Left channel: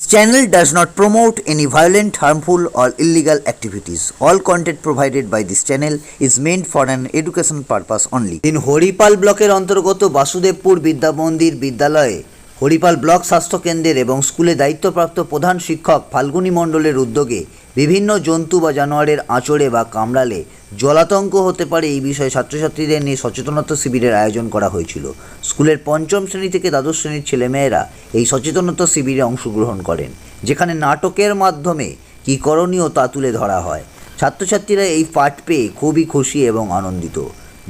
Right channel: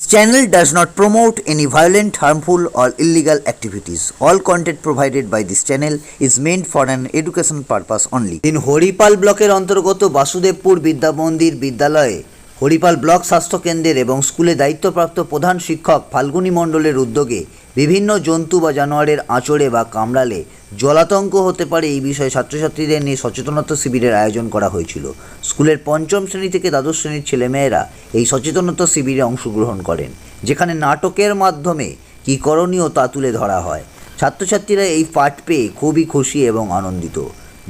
This channel does not promote any violent, harmful, or illegal activities. All content provided by this channel is meant for an education purpose only. In Haripal ব্লকের অন্তর্গত বাসুদেবপুর বিদ্যা মন্দির বিদ্যালয়ে Haripal block স্বাস্থ্য কেন্দ্রের এবং স্কুলে দায়িত্বপ্রাপ্ত প্রধান শিক্ষক ফাল্গুনী মণ্ডলের উদ্যোগে বিভিন্ন জন্তু বা জানোয়ারের আঁচড়ে বা কামড়ালে জলাতঙ্ক হতে পারে এই বিষয়ে ছাত্রছাত্রীদের নিয়ে সচেতনতা শিবিরের আয়োজন করা হয়েছিল। স্কুলের পঞ্চম শ্রেণী থেকে দ্বাদশ শ্রেণীর ছেলেমেয়েরা এই সচেতনতা শিবিরে অংশগ্রহণ করেন, যেখানে নাটকের মাধ্যমে কী করণীয় তা তুলে ধরা হয়। ছাত্রছাত্রীরা এই পাঠ পেয়ে খুবই খুশি এবং আনন্দিত।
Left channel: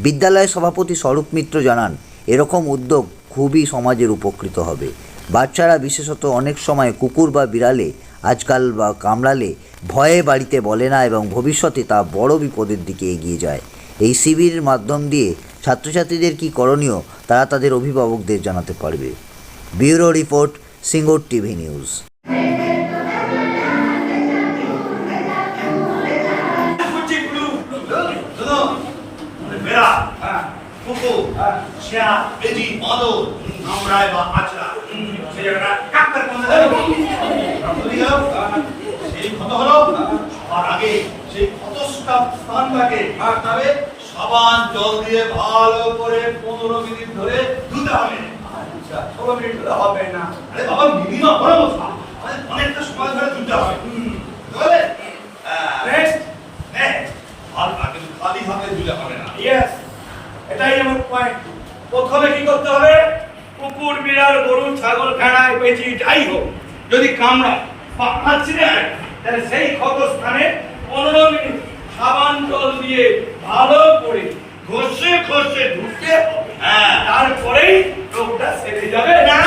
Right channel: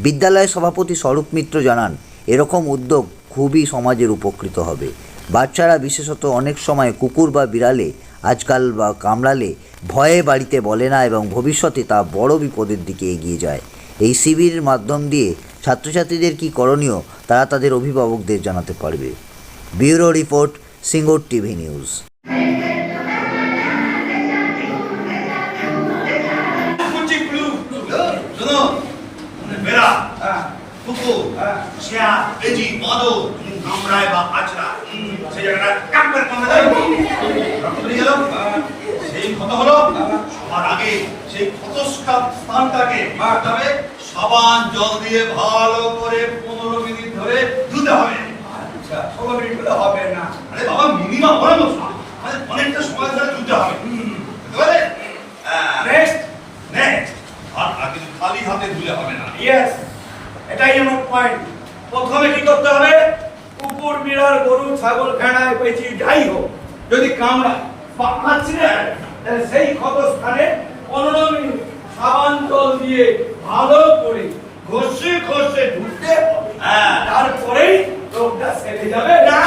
বিদ্যালয়ের সভাপতি স্বরূপ মিত্র জানান, এরকম উদ্যোগ খুবই সমাজের উপকৃত হবে। বাচ্চারা বিশেষত অনেক সময় কুকুর বা বিড়ালে আজকাল বা কামড়ালে ভয়ে বাড়িতে বলে না এবং ভবিষ্যতে তা বড় বিপদের দিকে এগিয়ে যায়। এই শিবিরের মাধ্যম দিয়ে ছাত্রছাত্রীদের কী করণীয় তারা তাদের অভিভাবকদের জানাতে পারবে। Bureau report, Singur TV news. সাবান জল দিয়ে ভালো করে 15 মিনিট ধরে ধুতে হবে। আচ্ছা, 16 মিনিট হলে হবে না। আরে বাবা, মিনিমাম বড় মশলা, অনেকটা সময় ধরে ধুতে হবে। বুঝলে? নেক্সট আর আগে খালি হাতে ধুলে হবে না। ইয়েস, এটাই আমার পয়েন্ট। প্রথমে কি করতে হবে? কুকুর, বিড়াল, গরু, ছাগল, ভেড়া, পেঁচি যাই হোক, যদি কামড়ায় বা কাঁচড়ে তাহলে সেই ক্ষত স্থানে 15 মিনিট সাবান জল দিয়ে ভালো করে ঘষে ঘষে ধুতে হবে। তারপরেই রোগটা সেরে যাবে। না,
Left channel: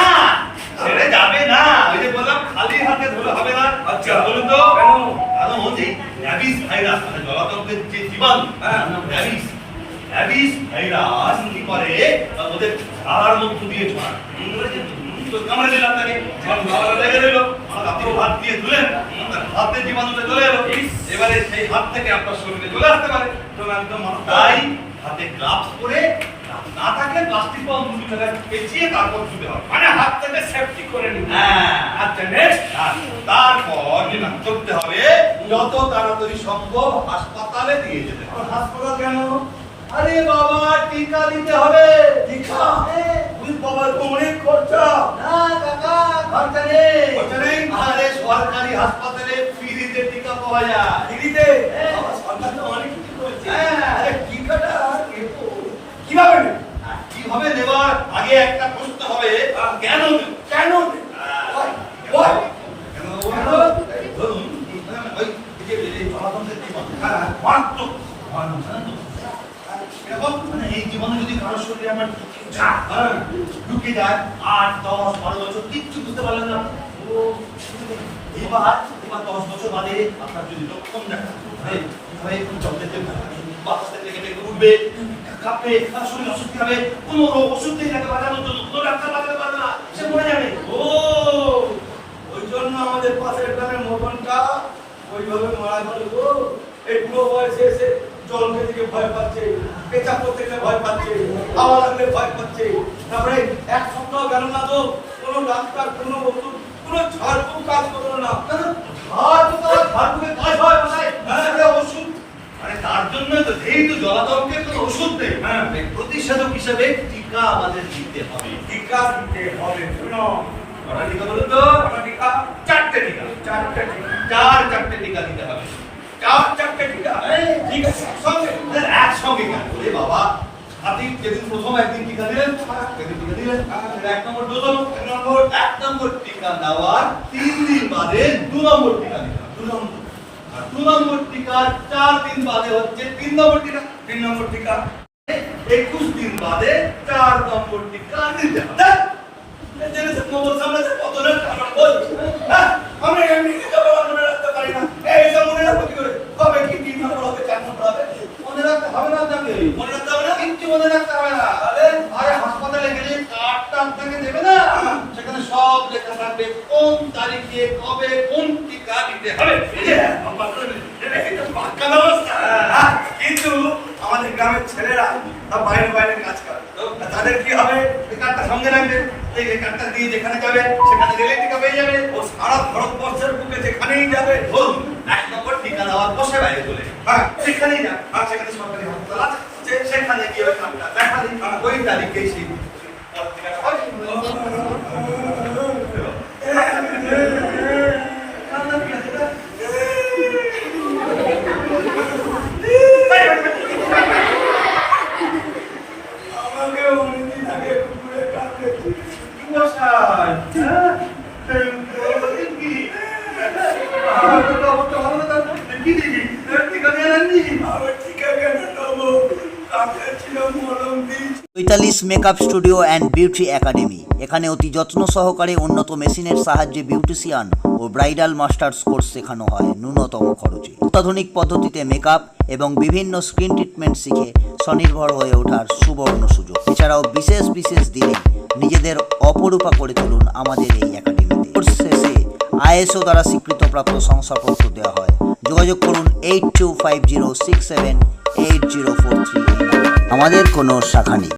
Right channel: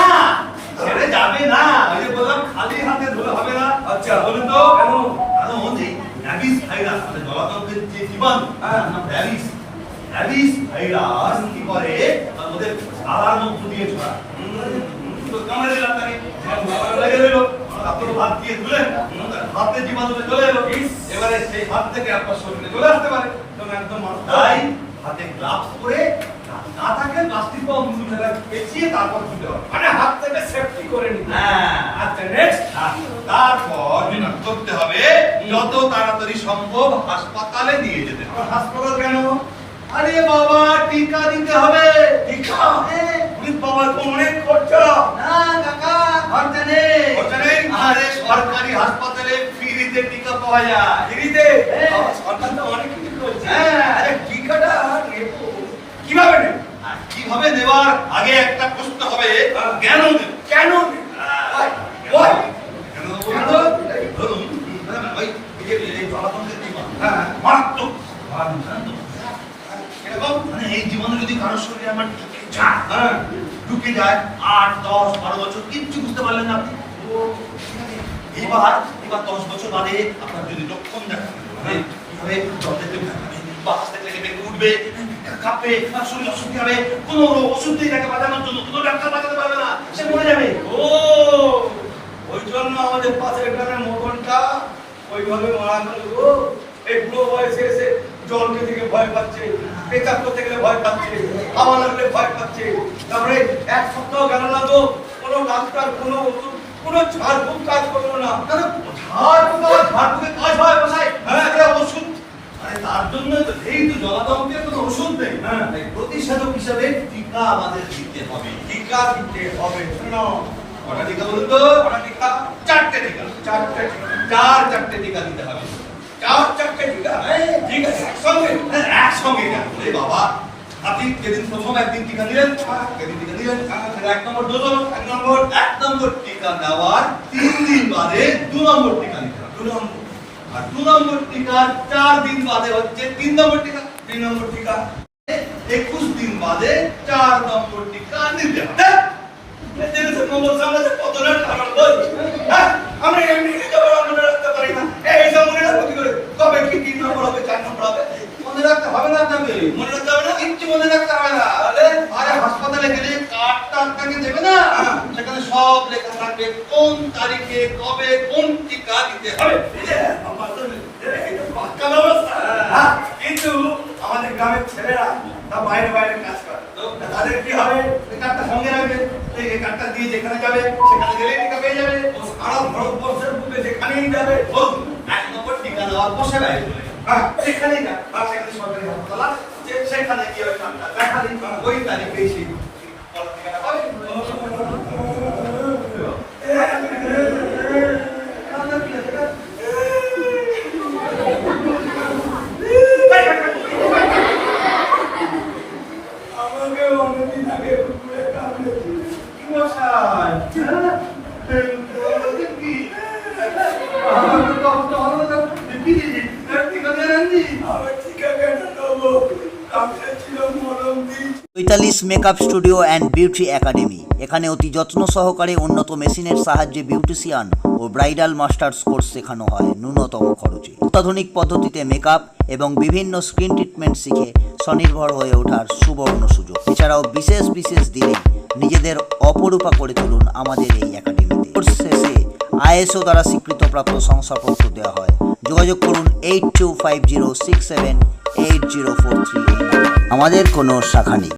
ছেড়ে যাবে না। ওই যে বললাম খালি হাতে ধুলে হবে না। আচ্ছা, বলুন তো কেন? কারণ এই র্যাবিস ভাইরাস, মানে জলাতঙ্কের যে জীবাণু, র্যাবিস কি করে, ওদের ঝাড়ার মধ্য দিয়ে ছড়ায়। কামড়ে দিল আপনাকে, লেগে দিল, আপনি হাত দিয়ে ধুলেন, হাতে জীবাণুটা চলে এলো, এবারে সেই হাত থেকে আপনার শরীরে চলে আসতে পারে। একদম তাই হাতে গ্লাভস পরে, না থাকলে প্লাস্টিক বা অন্য কিছু পেঁচিয়ে তারপর ধুতে হবে, মানে হাত থেকে সেফটি করে নিতে। আচ্ছা, নেক্সট তারপর যেটা করতে হবে, যত তাড়াতাড়ি সম্ভব হাসপাতালে নিয়ে যেতে হবে। হাসপাতাল কেন? আরে বাবা, টিকা দিতে হবে। টিকা? ওই বাবা, তো অনেক খরচা। না কাকা, খরচা নেই। খরচা নেই? আরে সরকারি হাসপাতালে ফ্রিতে টিকা পাওয়া যায়। ফ্রিতে? সরকার তো অনেক কিছু করছে। আরে টিকাটা নেব কিভাবে নেব? কিভাবে নেবার আগে একটা প্রশ্ন হবে, কেন নেব? কেন নেব? ধরুন ওই এই জলাতঙ্কের জীবাণু মারাত্মক, এরকম মানে এই জীবাণু যদি কারো শরীরে আমার ঢুকে যায় 8, 10, 12 বছর কিচ্ছু বুঝতে পারলেন না আপনি। এবার 10 বছর বাদে আপনার যদি লক্ষণ দেখা দেয়, কিভাবে জল দেখতে হবে, বাতাস দেখলে বেঁকে উঠবে, কাঁপবে, শরীর অসুস্থ হবে, কোনো ওষুধ নেই তাকে বাঁচানোর জন্য, কোনো ডাক্তার বাঁচাতে পারবে না, সে মরে যাবে। ওই জন্য আমাদের পাশের গ্রামের মদনটা ওইভাবে মারা গেল গো। এই বুড়ো বয়সে এসে জলকে দিকে ভয় পাচ্ছে, পেচাপ করতে গেলে ভয় পাচ্ছে, হাওয়া লাগলে ভয় পাচ্ছে। তারপরে 1 সপ্তাহ গেল না তো, কোনো ডাক্তার, কোনো ওষুধ, কোনো ঝাড়ফুঁক কাজ করলো না। ঝাড়ফুঁকে কাজ হয় মশাই? হ্যাঁ, ওষুধ, মানে তার জন্য তো এই তো জলাতঙ্কের কোনো ওষুধ নেই। প্রতিষেধক হিসেবে টিকা আমাদের দিতে হবে। টিকা দিতে হবে। শোনো, কটা টিকা বলুন তো? কটা টিকা? 4টে টিকা। 4টে টিকা। 4 টিকা দিতে হবে। 4টে টিকা? ঠিক আছে, একসঙ্গে কেন? ওরে বাবা, আপনি যেদিন প্রথম একদিন টিকা দিলেন, সেদিন টিকা দিলেন, 1 নম্বর ডোজ হলো, 1 নম্বর টিকা দেওয়ার 3 দিন বাদে 2 নম্বর টিকা নিতে হবে। 2 নম্বর, আর 2 নম্বর টিকার 4 দিন বাদে হচ্ছে 3 নম্বর টিকা। 3 নম্বর টিকা 21 দিন বাদে 4 নম্বর টিকা নিতে হবে। আমরা এমনি মনে রাখতে পারি না, এইসব মনে রাখবো কি করে? কবে কি 3 নম্বর হবে, 4 নম্বর হবে? মনে রাখতে হবে না আপনাকে, মনে রাখতে হবে না? কিচ্ছু মনে রাখতে হবে না। আরে হাসপাতালে গেলে কার্ডটা আপনাকে দেবে না, সেখানে সব লেখা থাকবে কোন তারিখে কবে কোন টিকা দিতে হবে। পাক্কা ব্যবস্থা। কিন্তু আমাদের গ্রামের ছেলেরা তা বাইরে বাইরে কাজ করে তা তাদের কি হবে? ওই কার্ডটা সঙ্গে রাখবে, এই কার্ডটা দিয়ে যেখানে যাবে সেখানে গেলেই টিকা পেয়ে যাবে। ও সারা ভারতবর্ষের বুকে যেখানেই যাবে, ধরুন 1 নম্বর টিকা নেওয়ার বসে বাইরে চলে হ্যাঁ যেখানেই যাবে, সেখানে সরকারি হাসপাতাল আছে, সেখানে গিয়ে ওই কার্ডটা দেখালি, ওই তারিখেই সেই টিকাটা হবে। আমাকে অনেকদিন আগে কুকুরে কামড়েছে। মশাই, হ্যাঁ? বলছেন কি? কি দিদি? টিকা দিয়ে আনলি? আমি টিকা কেন নেবো? কামড়েছিল, মলম দিয়েছি। চৈতালিশ makeup studio and beauty academy. এখানে অতি যত্ন সহকারে উন্নত মেশিনের সাহায্যে বিউটিশিয়ান ও ব্রাইডাল মাস্টার্স কোর্স শেখানো হয় ন্যূনতম খরচে। অত্যাধুনিক পদ্ধতিতে মেকআপ এবং বিভিন্ন স্কিন ট্রিটমেন্ট শিখে স্বনির্ভর হয়ে ওঠার সুবর্ণ সুযোগ। এছাড়াও বিশেষ বিশেষ দিনে নিজেদের অপরূপা করে তুলুন আমাদের এই একাডেমিতে। কোর্স শেষে ISO দ্বারা স্বীকৃতপ্রাপ্ত শংসাপত্র দেওয়া হয়। যোগাযোগ করুন 8250678043 এই নাম্বারে। আমাদের কোনো শাখা নেই।